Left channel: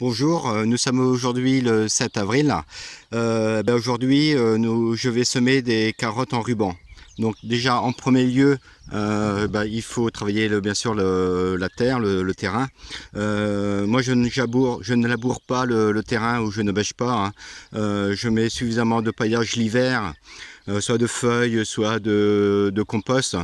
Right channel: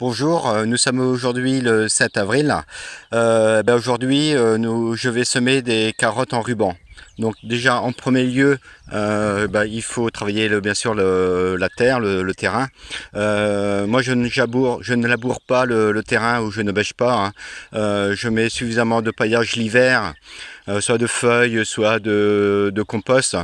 Bonjour, nous sommes aujourd'hui le 7 avril. Aujourd'hui, je vais semer des carottes en ruban. Donc déjà en premier lieu, il faut travailler bien sûr la terre, le terrain. Moi je ne laboure pas le terrain ou je ne bêche pas, hein. Je mets suffisamment de paillage l'hiver, soit de feuilles, soit de compost.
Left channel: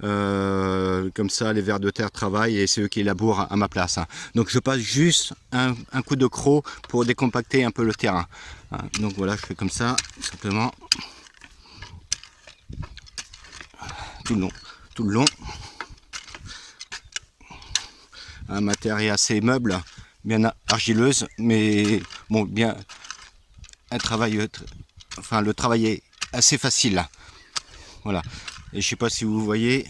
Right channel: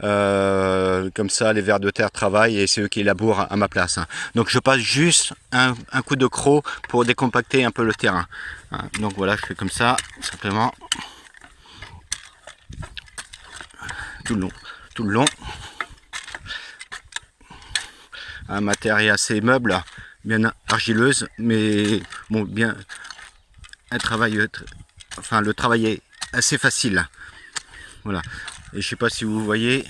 Comme ça les vers de terre travaillent et c'est eux qui labourent à ma place, hein. Donc je passe juste un coup de croc pour décompacter un peu le terrain, hein. Donc voilà, je fais comme ça, simplement, tout le long. Tout le long. Ma terre est assez meuble, bien argileuse, mais bon, bien, un travail, enfin le travail est assez facile. Voilà. Et je sais pas si vous voyez,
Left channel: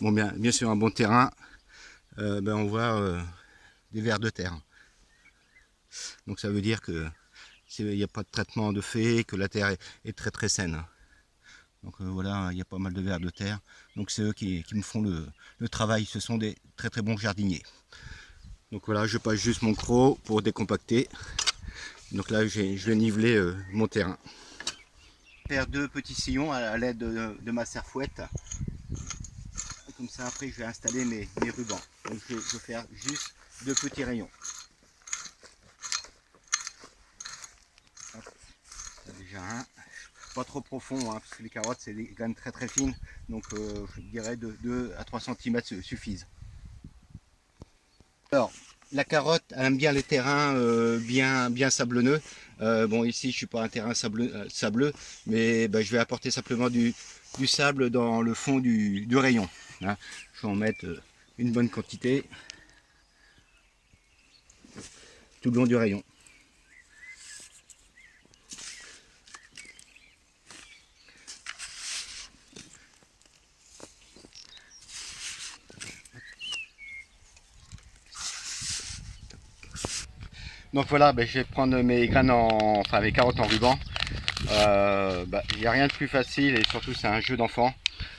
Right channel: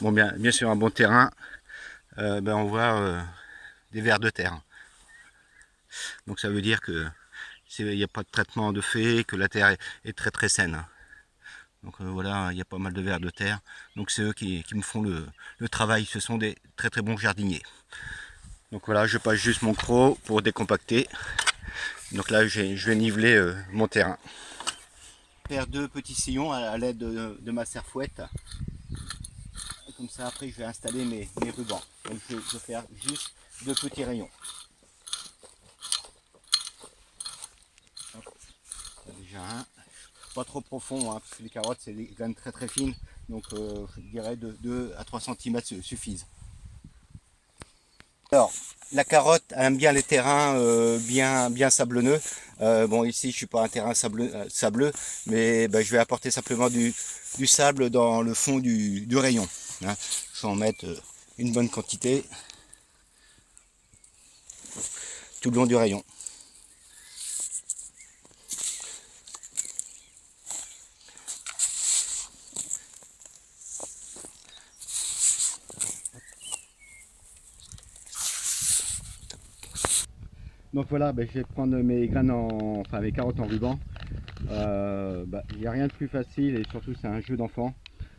bon bien sûr un bon terrain, on voit des vers de terre. Donc ça veut dire que il n'y a pas de traitement de fait, que la terre est très très saine. Donc voilà, il y a pas mal de vers de terre. Donc c'est eux qui me font le travail. Ce sont des très très bons jardiniers. Donc voilà, je passe juste mon croc pour décompacter. Donc là, je vais niveler mon terrain. Faire deux petits sillons à l'aide de ma serfouette. Comme ça, après, je vais installer mes rubans. Donc je vais faire juste deux petits rayons. Hop, ça déjà un. Pas trop profond, hein, parce que les carottes, c'est des graines très très fines. Donc je dirais de 2 à 3 cm suffisent. Alors, la carotte aime bien les terrains bien sablonneux. Bon, ici, je suis pas un terrain sableux, mais je vais apporter simplement du sable dans le fond du rayon, hein. Je vais en mettre une bonne quantité tout le long du rayon. Donc voilà, je vais prendre mes graines enfin mes carottes en ruban. Il n'y a rien de plus facile et surtout c'est un jeu d'enfant.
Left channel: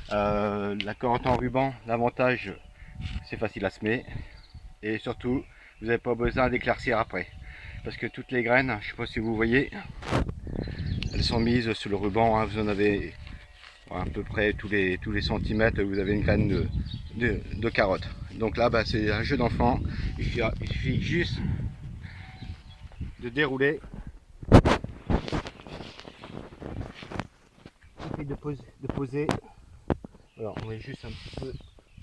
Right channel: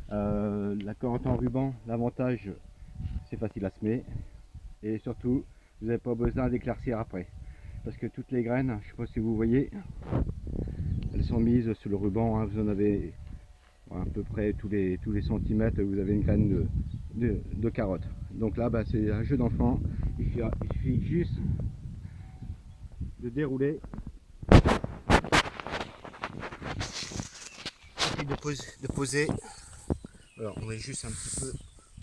La carotte en ruban, l'avantage c'est facile à semer et surtout vous n'avez pas besoin d'éclaircir après parce que toutes les graines, je ne sais pas si vous voyez, elles sont mises sur le ruban, hein. Vous en avez à peu près tous les centimètres, vous avez une graine de carotte. Donc là c'est un jeu d'enfant, il suffit juste de dérouler et de poser. Alors on met juste un petit peu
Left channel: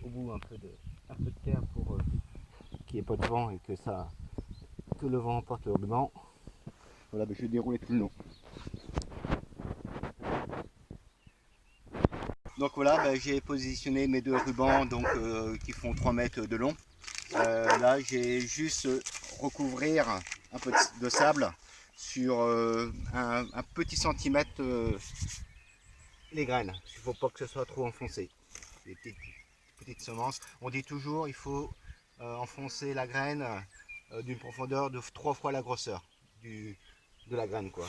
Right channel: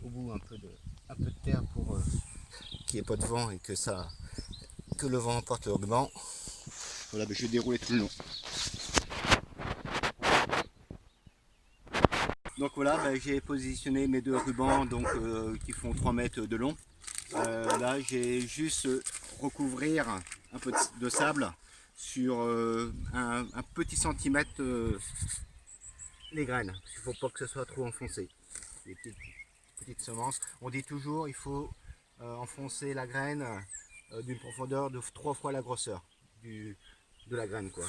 au bout un peu de terre pour qu'il n'y ait pas de vent et que le vent emporte le ruban. Voilà, je vais dérouler tout le long. Donc voilà, j'ai positionné mes deux rubans donc, qui font 3 mètres de long. Là j'ai juste recouvrir un peu de sable sur un petit centimètre les graines. Il ne faut pas que ce soit trop enfoncé. Les petites semences. On dit toujours il faut enfoncer la graine d'une profondeur de 3 fois la grosseur de la graine, quoi.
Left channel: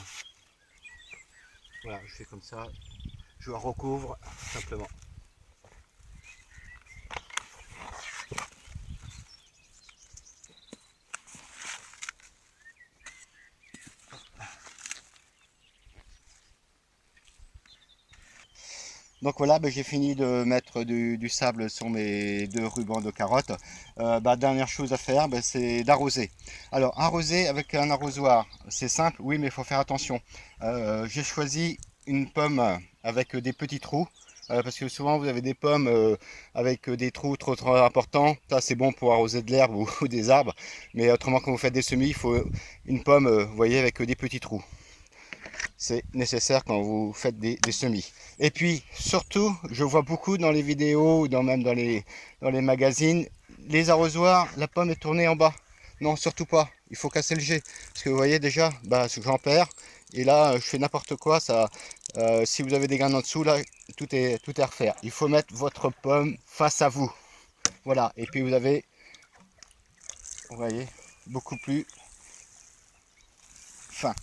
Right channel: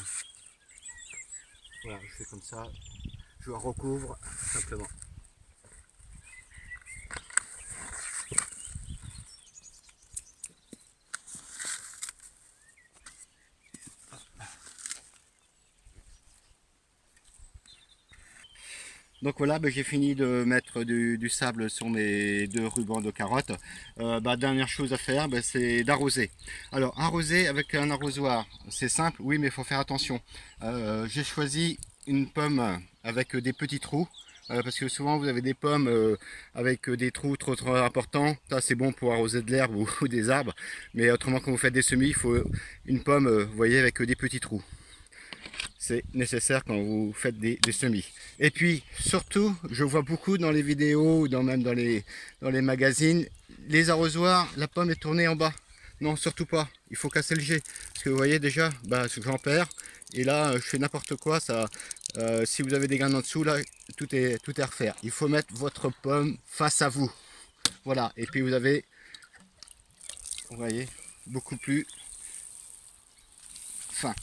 Voilà, je fais comme ça, je recouvre simplement. Donc voilà, j'ai fini de mettre du sable sur mes deux rubans de carottes. Dernière chose à faire, c'est d'arroser. Alors arroser avec un arrosoir, c'est simple, oui, mais il faut faire attention. J'ai choisi une pomme avec des petits trous. Parce que souvent vous avez des pommes avec des trous trop importants. Ça c'est bon pour arroser de l'herbe ou des arbres. Mais autrement quand vous faites des semis, il faut une pomme, vous voyez, avec des petits trous. C'est nécessaire quand vous faites des semis. Et puis surtout, je vois beaucoup dans les vidéos, même dans les magazines, les arrosoirs, la pomme est tournée en bas. Non, surtout pas, il faut casser le jet. Parce que vous voyez déjà, j'en perds. Et là, je fais n'importe quoi. Si vous avez des graines en dessous, là, tout est à refaire. Il faut mettre votre pomme face à vous. Voilà, et puis vous avez, vous voyez, beaucoup plus fin.